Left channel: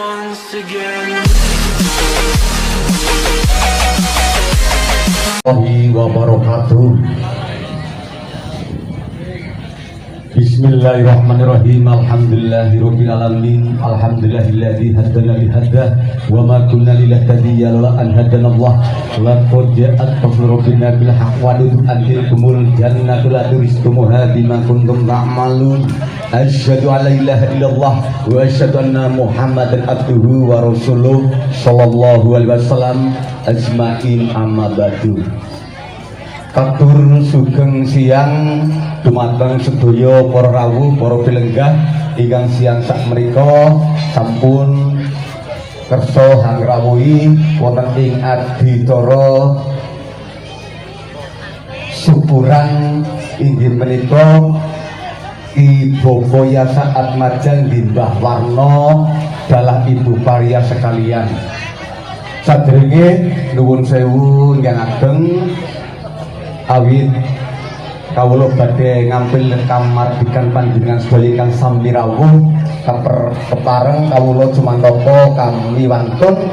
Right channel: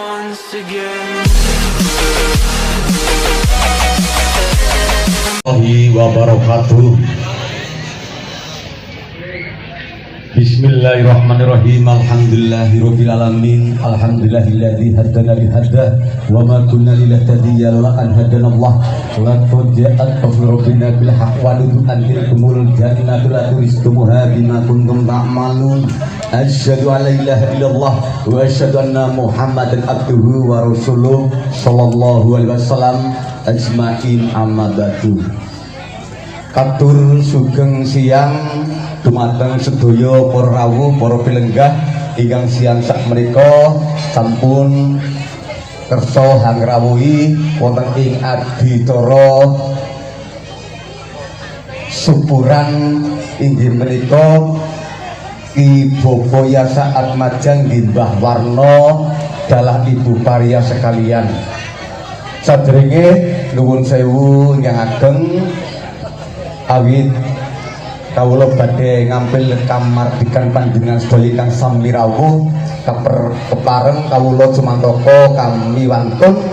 once again. Wabarakatuh. Bismillahirrahmanirrahim. Alhamdulillahirabbil alamin. Alhamdulillahilladzi hadana bihada wa ma kunna linahtadiya laula an hadanallah. Laqad ja'at rabbuna bil haqqi wa tudkhilul jannatul rizqumuha bima kuntum ta'malun. Asyhadu an la ilaha illallah wa asyhadu anna Muhammadan abduhu wa rasuluh sallallahu alaihi wasallam ajmain amma ba'du. Katur sugeng siang dumateng sedaya para rawuh para pilenggah ingkang siang sakmenika sampun kersa hangrawuhi wonten ing adicara syukuran inggih menika Ki Bapa Yasa Atmaja Mbah Warna dalah Ibu Paria sekalian. Sadèrèngé nuwun sewu ingkang ageng awit kawula badhe ngampil kamardikan panjenengan sedaya ingkang sami rawuh kepareng kawula Jumantaka kami wantun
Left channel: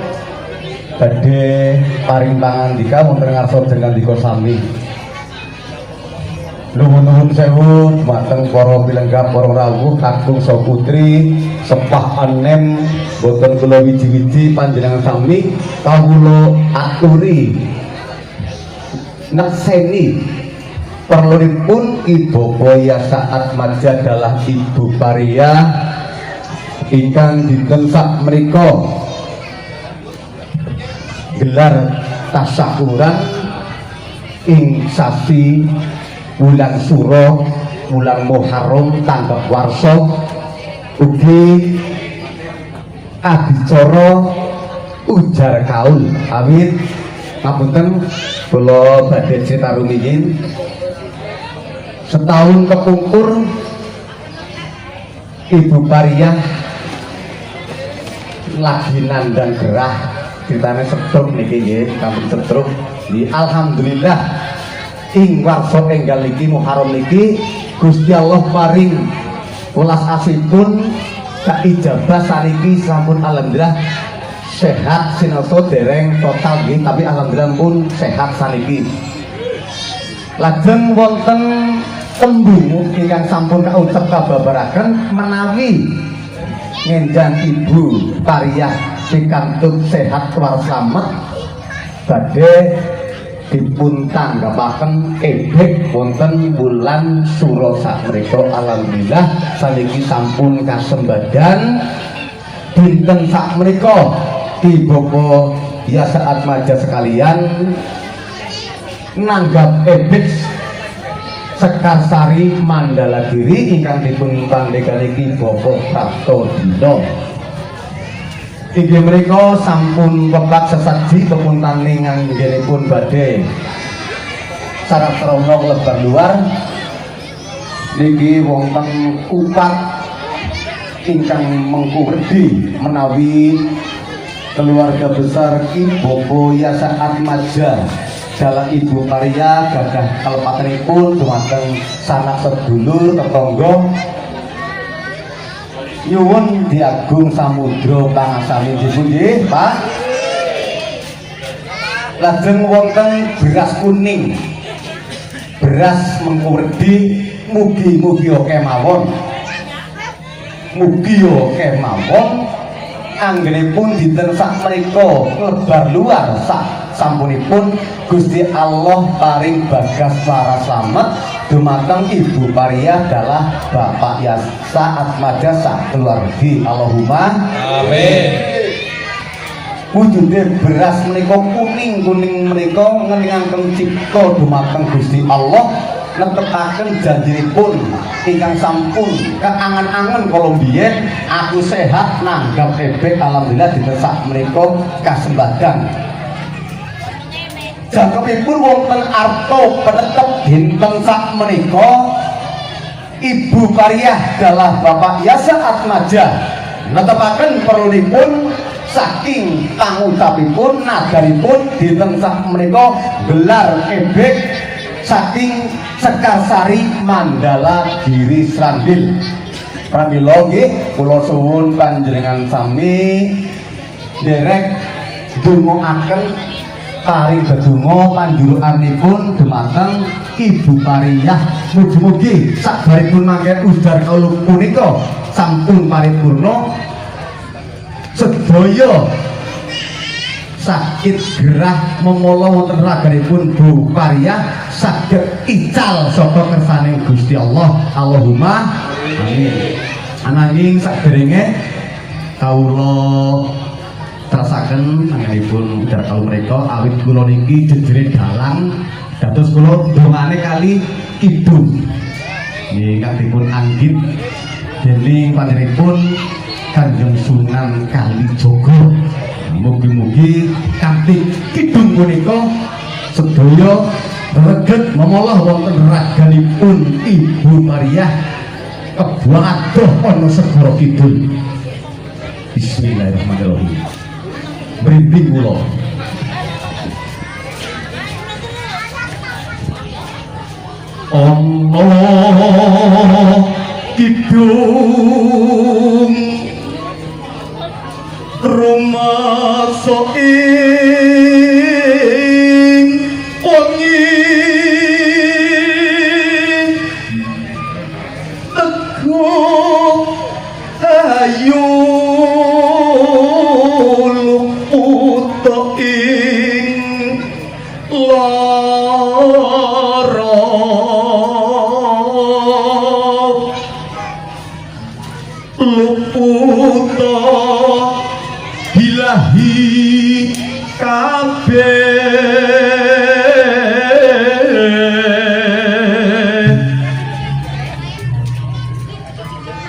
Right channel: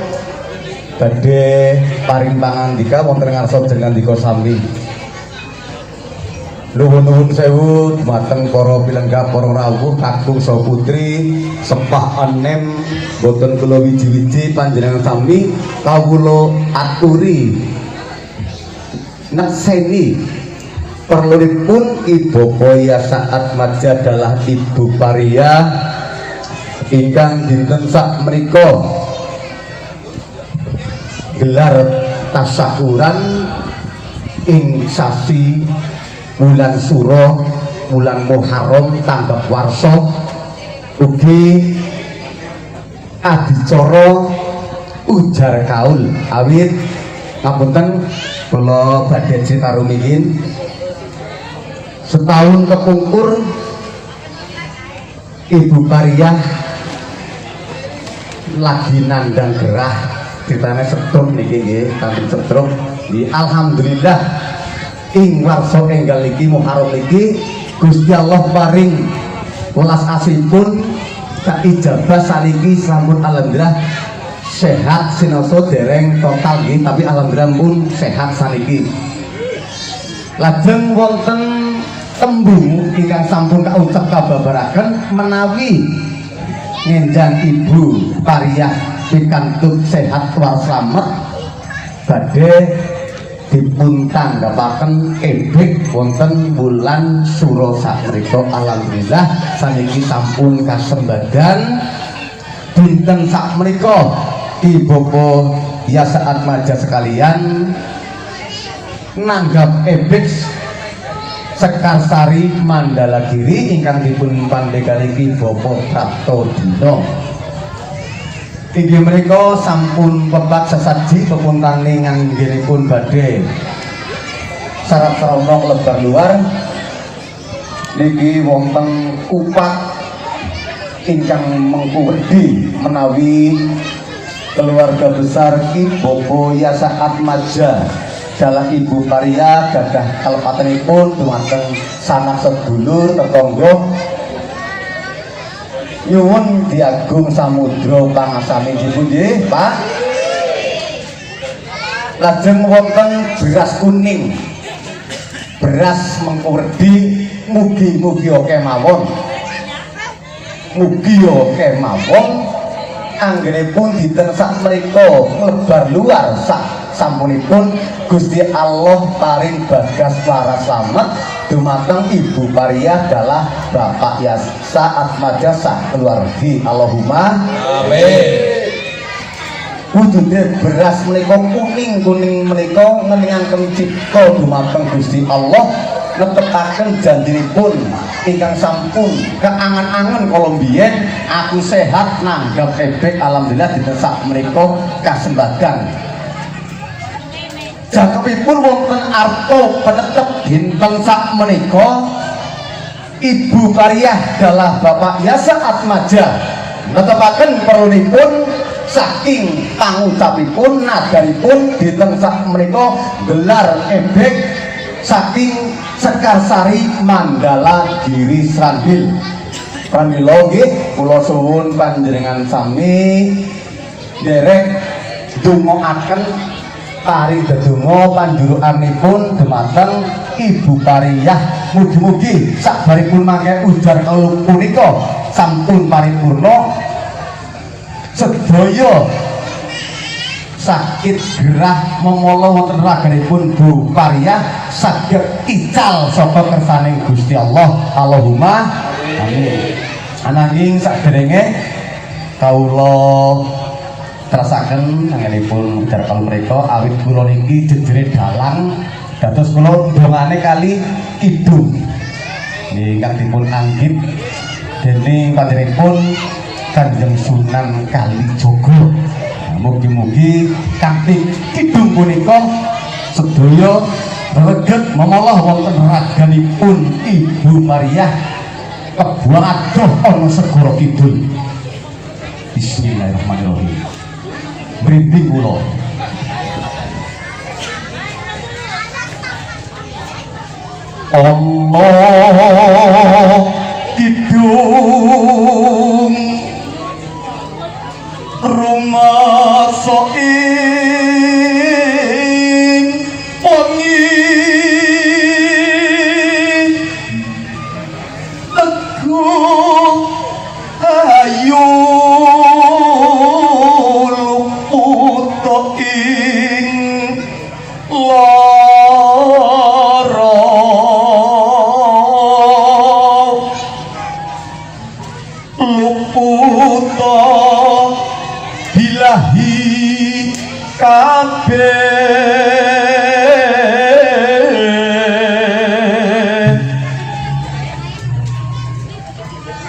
badhe paring pangandika wonten ngarsa jengandika sami. Nuwun sewu dumateng para pilenggah para rawuh kakung saha putri sepah enem boten kula wiji-wiji panjenengan sami kawula aturi nakseni perlunipun Ibu Bapa Yasa Atmaja dalah Ibu Paria ingkang dinten sakmenika gelar tasyakuran ing sasi bulan Suro bulan Muharram tanggap warsa ugi adicara ujar kaul awit ngapunten kula badhe cerita rumiyin setahun kepungkur Ibu Paria lagi nandang gerah ceritane sedhep niki nggih kami sedhep alhamdulillah ing warsa enggal niki Muharram niki Gusti Allah paring welas asipun kaijabah saniki sampun alhamdulillah sehat sinaosa dereng total nggih tapi alhamdulillah pun sehat saniki. Lajeng wonten tembung ingkang sampun kaucap kababaraken menawi ngenjang Ibu Paria pikantuk sehat war slamet badhe dipun tanggapaken ebek wonten bulan Suro sakmenika alhamdulillah saniki sampun kasembadan dinten sakmenika Ibu Bapa Yasa Atmaja sekalian nanggap ebek Sekarsari Mandalagiri ingkang dipun pandegani Ki Bapa Prapto Dina. Inggih menika sampun pepat sesaji pepuntaning anggenipun badhe sarap sarana klebar luar niki wonten upat ingkang mengkurdi menawi keluarga besar Ki Bapa Yasa Atmaja dalah Ibu Paria gadah kalepatenipun dumateng sanak sedulur tetangga nyuwun Diagung Samudra pangasane nggih Pak. Lajeng wonten beras kuning beras mengkurdi mugi-mugi kemawon anggenipun dinten sakmenika lebar luar sampunipun Gusti Allah paring bagas waras slamet dumateng Ibu Paria dalah Bapak Yasa Atmaja sak keluargi. Allahumma amin. Wujude beras menika kuning menika ngelingaken cipta dumateng Gusti Allah netepaken janjinipun ingkang sampun keangan-angan kalau biyen aku sehat nanggap ebek alhamdulillah dinten sakmenika kasembadan. Jangkepipun wonten arto penetep dinten sakmenika Ibu Paria dalah Bapak Yasa Atmaja netepaken perlunipun saking pangucapipun nagaripun dinten sakmenika gelar ebek saking Sekarsari Mandala Giri Srandil Pramila nggih kula suwun panjenengan sami derek ndongaaken paring dedonga panjurukanipun dumateng Ibu Pariyah. Mugi-mugi sabaripun mangke ujar kula punika sampun paripurna sedaya sakit gerah memala wonten raganipun Bu Pariyah saged ical saka kersaning Gusti Allah. Allahumma amin. Ananging saderenge kawula terasaken anggenipun ujar kula menika awit kula niki jejere dalang dados kula dongane kali kidung ingkang dipun anggit dening panjenenganipun Kanjeng Sunan Kalijaga. Mugi-mugi kanthi kidung punika sedaya reget memolah wonten raganipun Ibu Pariyah kebuang adoh ana segara kidul. Bismillahirrahmanirrahim. Mrimping kula Allah kidung rumangsa ing wengi teguh ayu luput ing lara luput ilahi kabeh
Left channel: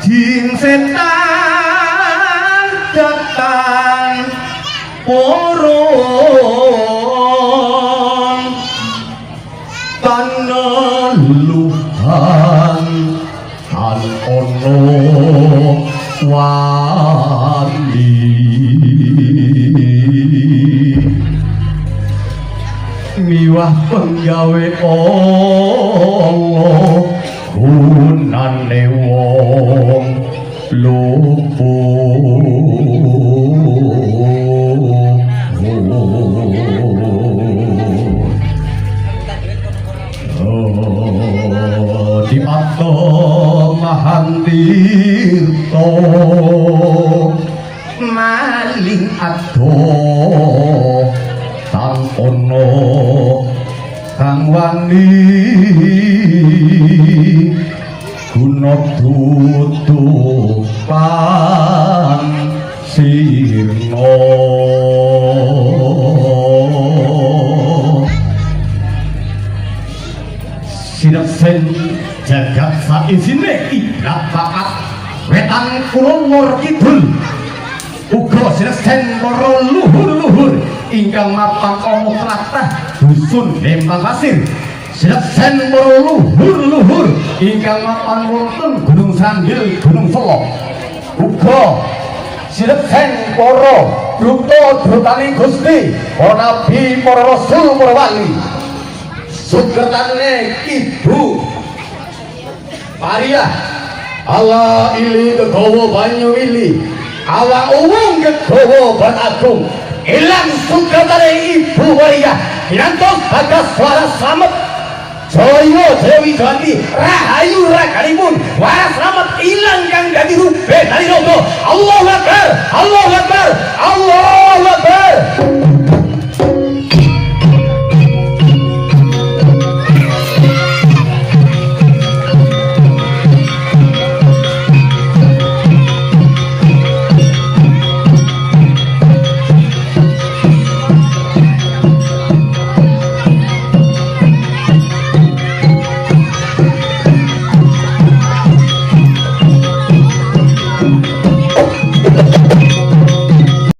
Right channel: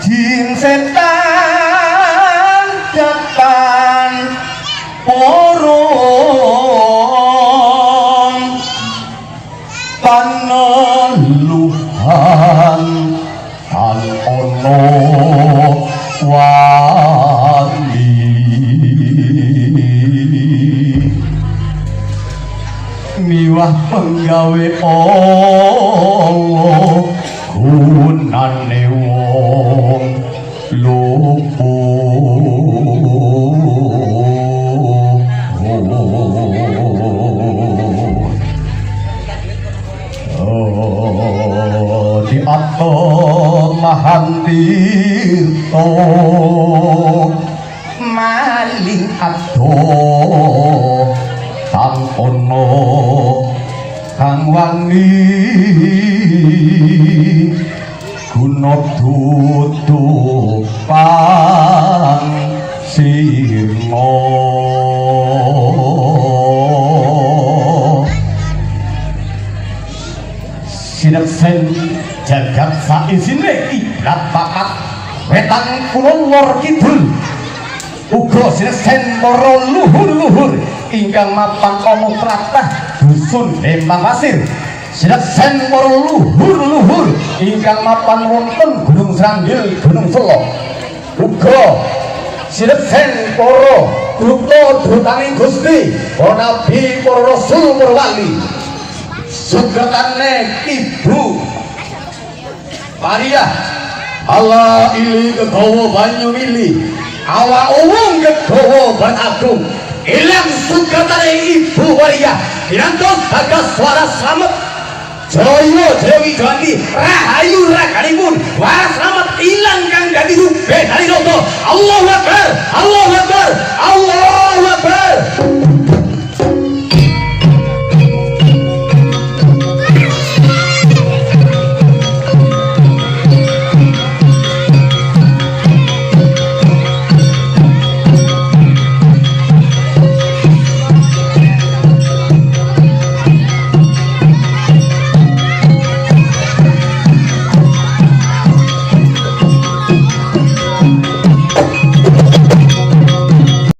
jin setan datang porong paneluhan tan ono wali miwah penggawe Allah gunane wong luput di ato mahantirto maling ato kang ono kang wani guna tutupan sirna sineksen jagat saisine iblat bakat wetan kulon lor kidul uga sineksen para luhur-luhur ingkang mapan ana tlatah dusun Dempang Pasir sineksen para luhur-luhur ingkang mapan wonten Gunung Sranggil Gunung Solo uga sineksen para duta-dutaning Gusti para nabi para rasul para wali sugatane Ibu Pariyah Allah ili kegawa banyu ili ala uwung kegawa banagung ilang sugatane Ibu Pariyah dirantos bagas suara slamet jaya Dewi Ganti rahayu raganipun wah slamet ilang kang dadi rube kali nopo Allahu Akbar